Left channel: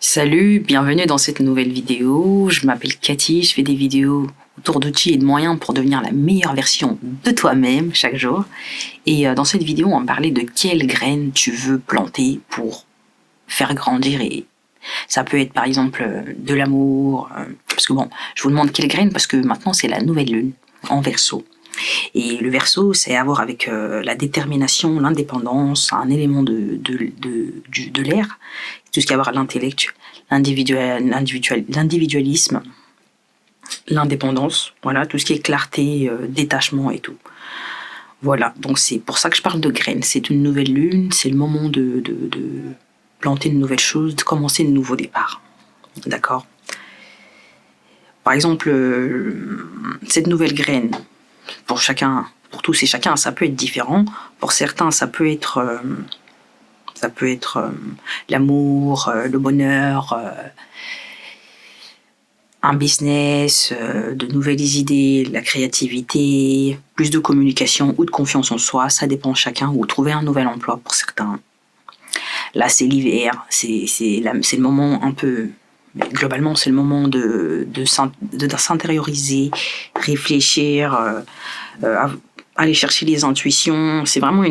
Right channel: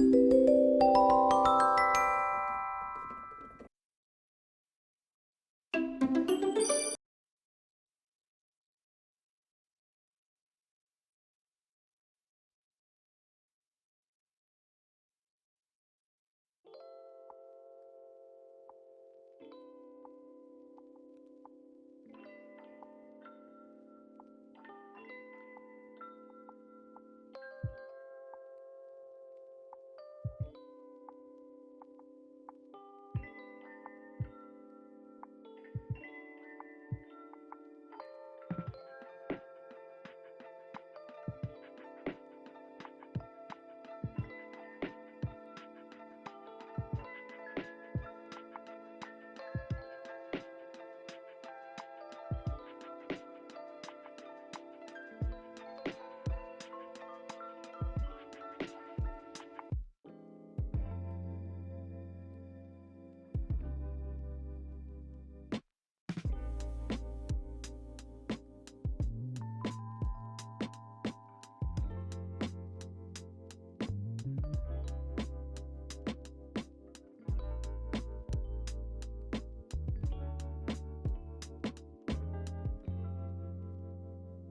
Salut, bienvenue dans cette nouvelle vidéo. Je m'appelle Cathy, je fais des vidéos autour d'outils et de moyens pour devenir la meilleure version de toi-même chaque jour. Et dans cette vidéo, on va parler de quelles graines tu veux planter pour faire grandir. Et ça peut être par exemple de l'amour, parce que bon, je vous demande quelles graines parce que maintenant c'est la nouvelle lune en Verseau. Et le Verseau, c'est à voir avec la détermination, l'indépendance, un élément de l'air, tout ce qui a à voir l'intellect, l'individualisme, l'indépendance, voilà, tout ce qui est clarté, détachement et tout. Voilà, donc c'est pour ça que je parle de graines. C'est une nouvelle lune, c'est le moment de planter de nouvelles choses, de commencer de nouveaux départs. D'accord ? Par exemple, cette nouvelle graine, pour chacun, pour tous et chacun, ça peut être différent. Pour certains, ça peut être l'amour, le bonheur, un business, de nouvelles idées, la créativité, plus de communication ou de confiance en soi, ça dépend de chacun, ou trouver un nouvel emploi pour certains. Là, c'est l'hiver, c'est le moment un peu... Globalement, c'est le moment de s'intérioriser, réfléchir, aller chercher les intuitions. C'est vraiment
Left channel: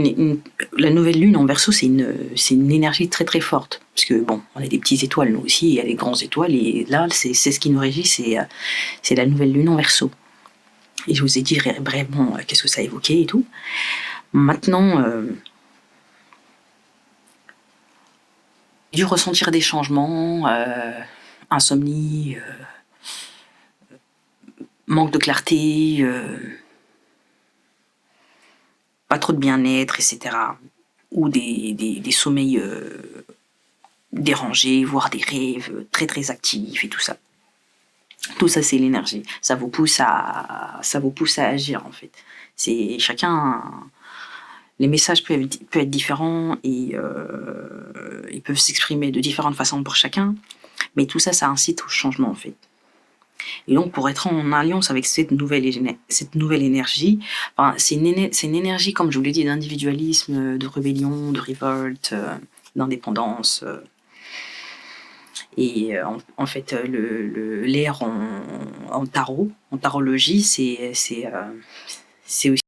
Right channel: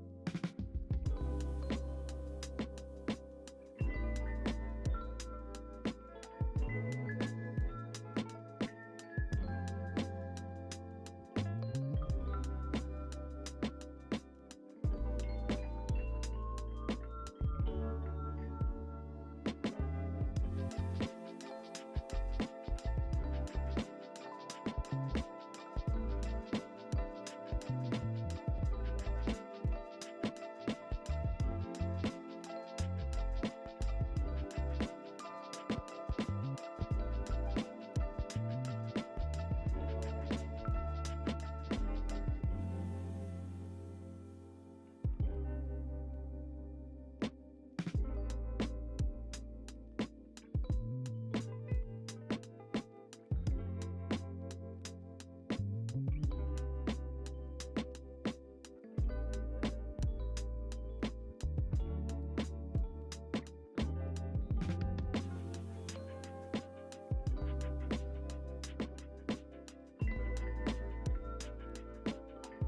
la nouvelle lune en Verseau, c'est une énergie très très forte. Parce que bon, on a des petites étoiles nous aussi, il y a des grandes étoiles, et là, c'est ce qui nous régit, c'est la nouvelle lune en Verseau. Et je vous ai dit brièvement qu'est-ce que ça évoquait et tout. Maintenant, dû ressentir des changements, insomnie, manque de clarté, pas trop de bien-être, etc. Ou des sommeils dérangés, voire des rêves très très actifs et tout ça. Tout ça, c'est l'énergie. Ça vous pousse à agir, en fait. C'est chacun... Les messages peuvent être différents et ils peuvent s'exprimer de différentes façons pour chacun. Mais tout ça, ça incite au changement, en fait. Et donc, pour être en alliance avec cette nouvelle énergie, enfin, c'est une énergie, comme je vous l'ai dit, d'individualisme, de rébellion, de révolte, d'indépendance. Et en fait, l'air en tarot, en tarologie, c'est aussi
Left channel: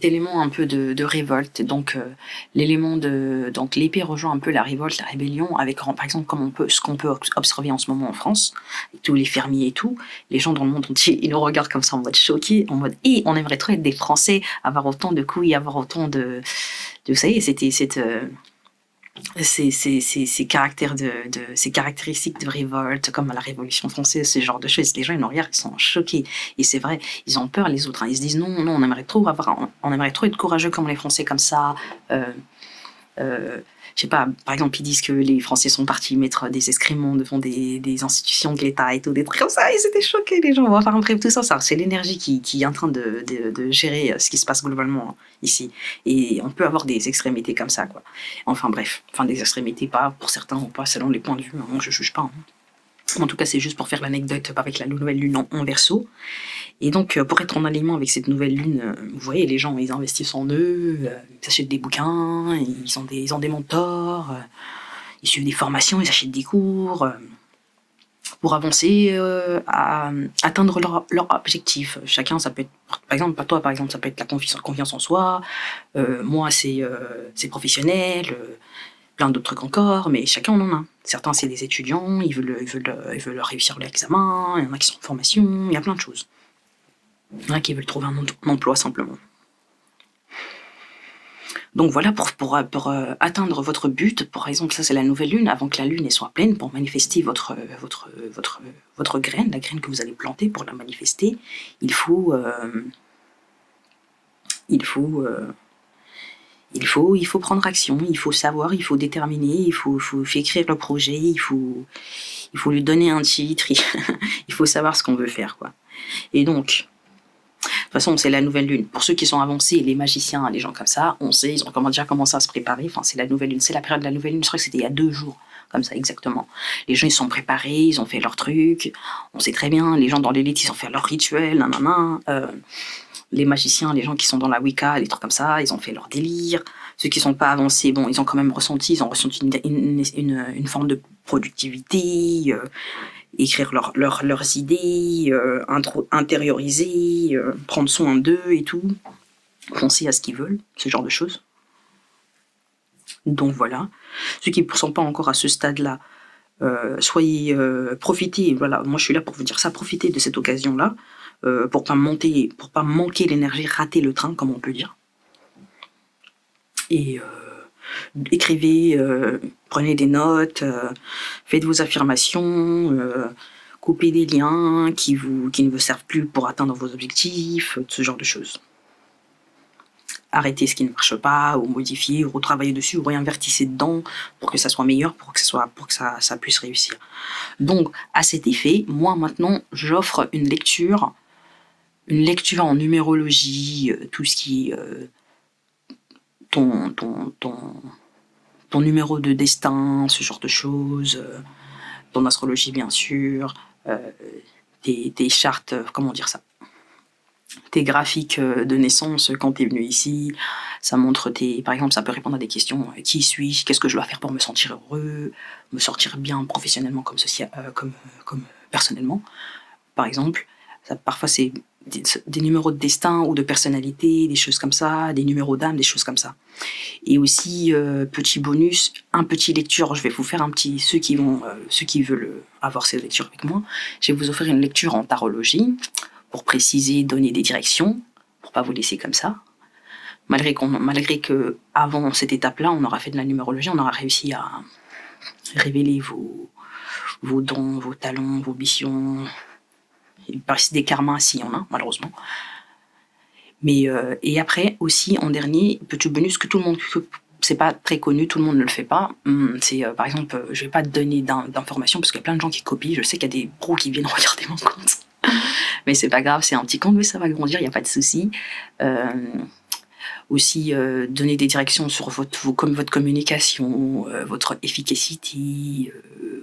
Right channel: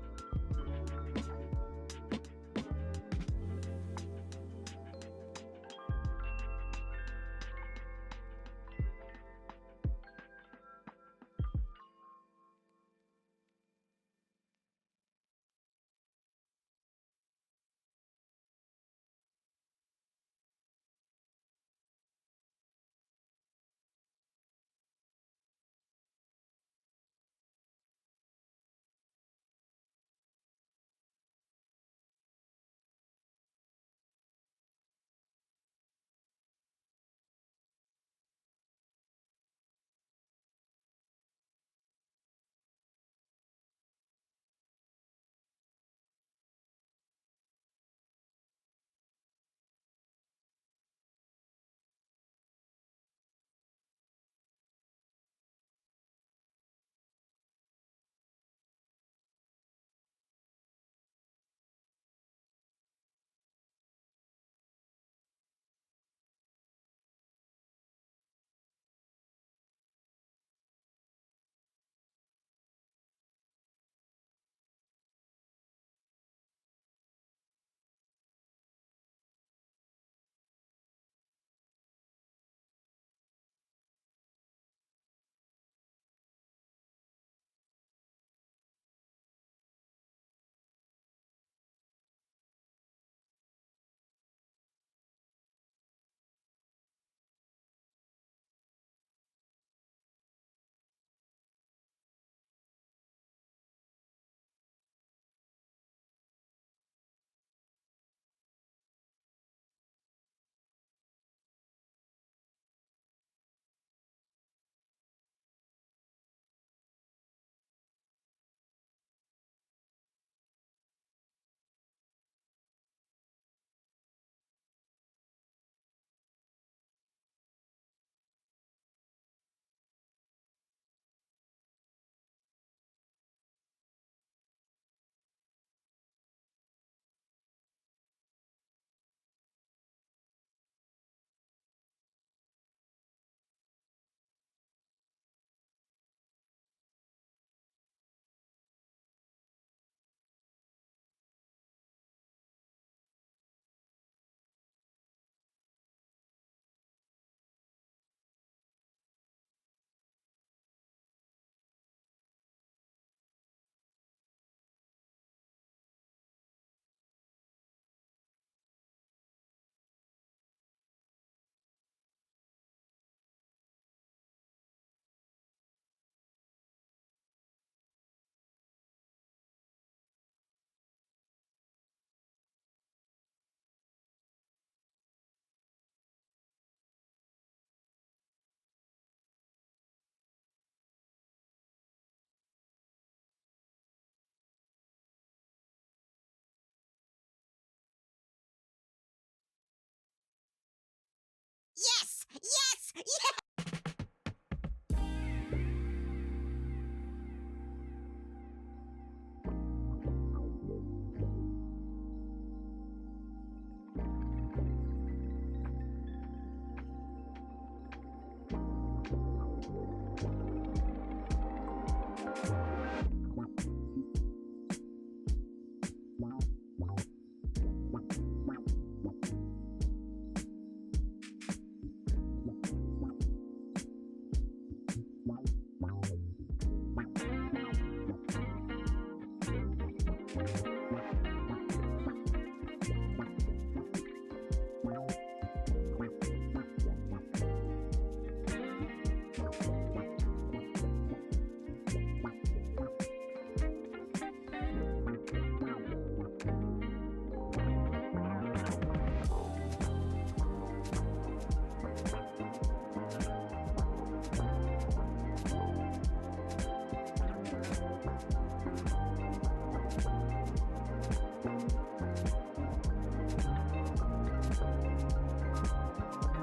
élément un peu de révolte. Donc donc l'épée rejoint un peu la révolte, la rébellion, avec par exemple comme ce qu'on peut observer en ce moment en France, tous les fermiers et tout, les gens dans le monde entier, ils nous regardent comme ça en mode choqué, en mode on aimerait trop être des Français, avoir autant de couilles, avoir autant de vous savez, c'était ces caractéristiques de révolte, comme à la Révolution française, ce genre de choses. Les gens, ils nous regardent, ils sont choqués. Et c'est vrai, ils ont peur, les autres. Hein. Ils se disent non, on aimerait trop être courageux comme les Français, comme ça. Je sais pas, par exemple, ils disent que les Français sont partis mettre des excréments devant des institutions de l'État et tout, des trucs comme ça, ils étaient choqués, les gens. Enfin, bref, tout ça, c'est l'énergie qui est en train de gérer ce qui se passe globalement ici. Et on peut avoir des extrémités comme ça, quoi. Enfin, bref, des extrémités, pas pour certains ou pas, selon les points de vue. Hein. Moi, je juge pas. Hein. En tout cas, c'est juste pour faire l'anecdote avec la nouvelle lune en Verseau. Et donc, pour être en alignement avec cette nouvelle lune, vous voyez, les gens, ils investissent en eux, ils achètent des bouquins, ils ont des mentors, ils suivent des formations, ils achètent des cours, pour avancer, à atteindre leur objectif. Chacun, ça peut être, par exemple, pas toi, par exemple, ça peut être la confiance en soi, moi, c'est professionnel, plein d'autres trucs encore, mais chacun en a un. Certains, c'est des étudiants, ils veulent réussir l'examen, il y en a qui sont en formation, il y a plein de choses. Il y en a qui veulent trouver un emploi simplement. Donc voilà, pour atteindre votre but, par exemple, ça c'est la nouvelle lune, avant que la lune soit pleine, pour manifester votre graine, la graine que vous allez planter, pour la manifester, il faut prendre action, il faut savoir, il faut déterminer, il faut écrire le projet, il faut lui donner un titre, il faut savoir ce qu'on veut faire, quoi. Et donc, de toute façon, c'est la nouvelle lune. Pour ceux qui sont avancés, les magiciens, les gens comme ça, on sait, ils ont déjà commencé à se préparer. Enfin, c'est la nouvelle lune, c'est la période de la nouvelle lune. Je crois que c'était il y a 2 jours. comme ça, exactement. Les gens, ils sont préparés, ils ont fait leur truc, on sait très bien, les gens dans l'élite, ils ont fait leur rituel, nanana. Les magiciens, les gens qui sont dans la Wicca, les trucs comme ça, ils ont fait leur délire. Ceux qui sont pas avancés, bon, ils ont quand même ressenti, une forme de productivité, écrire leurs idées, intérioriser, prendre soin d'eux et tout, penser à ce qu'ils veulent, ce genre de choses. Donc voilà. Ceux qui ne sont pas encore à ce stade-là, soyez, profitez, voilà, moi je suis là pour vous dire ça, profitez de cette occasion-là, pour pas manquer l'énergie, rater le train, comme on peut dire. Et écrivez, prenez des notes, faites vos affirmations, coupez des liens qui ne vous servent plus pour atteindre vos objectifs, ce genre de choses. Arrêtez ce qui ne marche pas, ou modifiez, ou retravaillez dessus, ou réinvertissez dedans pour que ça soit meilleur, pour que ça puisse réussir. Donc, à cet effet, moi maintenant, j'offre une lecture en numérologie, tout ce qui est ton numéro de destin, ce genre de choses, ton astrologie bien sûr, tes chartes, comment dire ça, tes graphiques de naissance quand tu es venu ici, ça montre par exemple, ça peut répondre à des questions, qui suis-je, qu'est-ce que je dois faire pour me sentir heureux, me sentir bien professionnellement comme personnellement, par exemple. Parfois c'est des numéros de destin ou de personnalité, des choses comme ça, des numéros d'âme, des choses comme ça. Et aussi, petit bonus, un petit lecture, je vais vous faire ceux qui veulent avoir ces lectures avec moi, je vais vous offrir une lecture en tarologie, pour préciser, donner des directions, pour pas vous laisser comme ça. Malgré que avant cette étape-là, on aura fait de la numérologie, on aura réussi à révéler vos dons, vos talents, vos missions. Il paraît des karmas s'il y en a, malheureusement. Mais et après aussi, en dernier, petit bonus que tout le monde, c'est pas très connu, tout le monde ne le fait pas. C'est par exemple, je vais pas te donner d'informations parce qu'il y a plein de gens qui copient. Je sais qu'il y a des pros qui viennent regarder mon compte. Mais c'est pas grave, c'est un petit compte, mais ça va grandir, il n'y a pas de souci. Aussi, donner des directions sur votre communication, votre efficacité,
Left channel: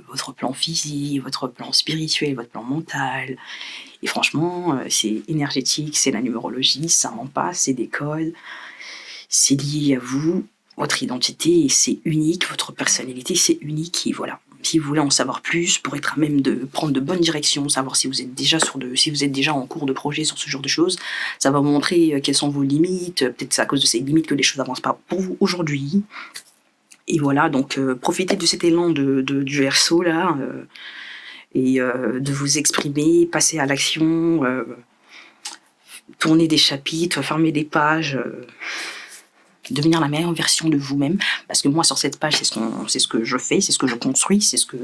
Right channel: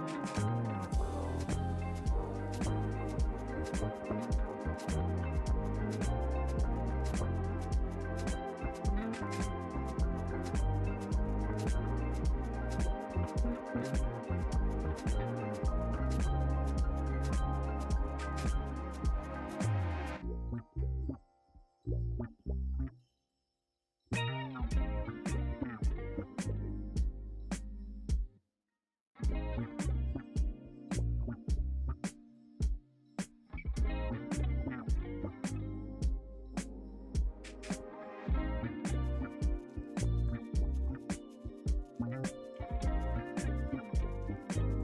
votre plan physique, votre plan spirituel, votre plan mental. Et franchement, c'est énergétique, c'est la numérologie, ça ment pas, c'est des codes. C'est lié à vous, votre identité, c'est unique, votre personnalité, c'est unique, et voilà. Si vous voulez en savoir plus, pour être à même de prendre de bonnes directions, savoir si vous êtes déjà en cours de projet sur ce genre de choses, ça va vous montrer quelles sont vos limites, peut-être c'est à cause de ces limites que les choses n'avancent pas pour vous aujourd'hui. Et voilà, donc profitez de cet élan du Verseau là, et de vous exprimer, passer à l'action, tourner des chapitres, fermer des pages, devenir la meilleure version de vous-même, parce que moi sur cette page c'est ce que je fais, c'est ce que je construis, c'est ce que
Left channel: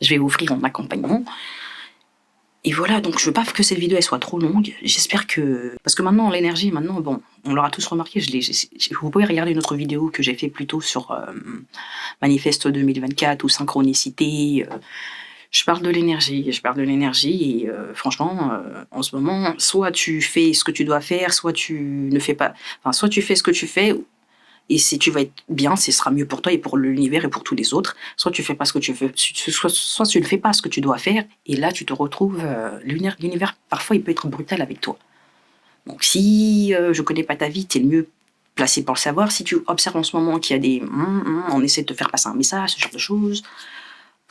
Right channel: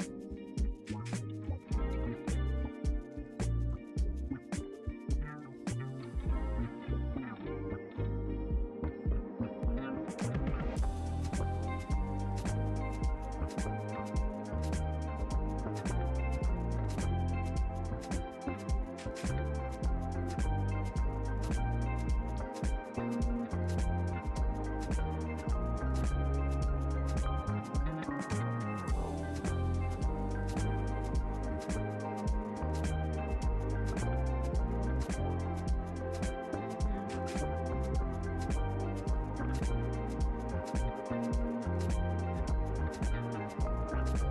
je vais offrir en accompagnement. Et voilà, donc je veux pas que cette vidéo elle soit trop longue, j'espère que... Parce que maintenant l'énergie, bon, on l'aura tous remarqué, vous pouvez regarder une autre vidéo que j'ai fait plus tôt sur Manifeste 2024 ou Synchronicité. Je parle de l'énergie et franchement, en ce moment, soit tu fais ce que tu dois faire, soit tu ne fais pas... Enfin, soit tu fais ce que tu fais, et si tu vas être bien, ce sera mieux pour toi et pour l'univers et pour tous les autres. Soit tu fais pas ce que tu veux, soit tu ne fais pas ce que tu dois faire, et là tu te retrouves... l'univers, parfois, il peut être brutal avec toi. Donc si je connais pas ta vie, t'es le mieux placé pour le savoir. Si tu observes en ce moment qu'il y a des... on essaie de te faire passer un message, ce genre de choses...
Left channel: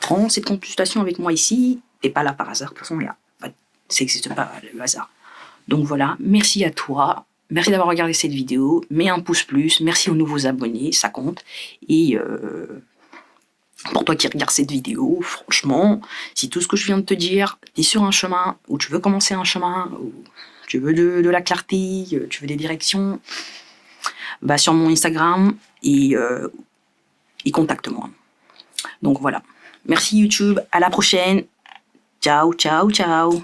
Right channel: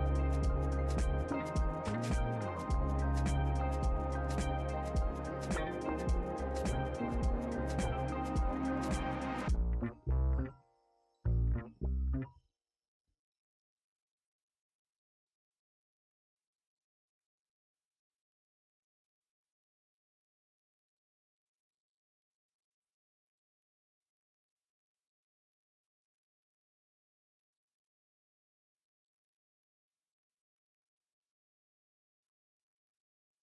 Prends cette consultation avec moi ici, t'es pas là par hasard, de toute façon, ça n'existe pas le hasard. Donc voilà, merci à toi, merci d'avoir regardé cette vidéo, mets un pouce plus, merci aux nouveaux abonnés, ça compte. Et pour toi qui regardes cette vidéo, franchement, si tout ce que je viens de te dire, t'es sur un chemin, ou tu veux commencer un chemin, ou tu veux de la clarté, tu veux des directions, va sur mon Instagram et contacte-moi. Donc voilà. Merci YouTube, à la prochaine. Ciao, ciao, ciao.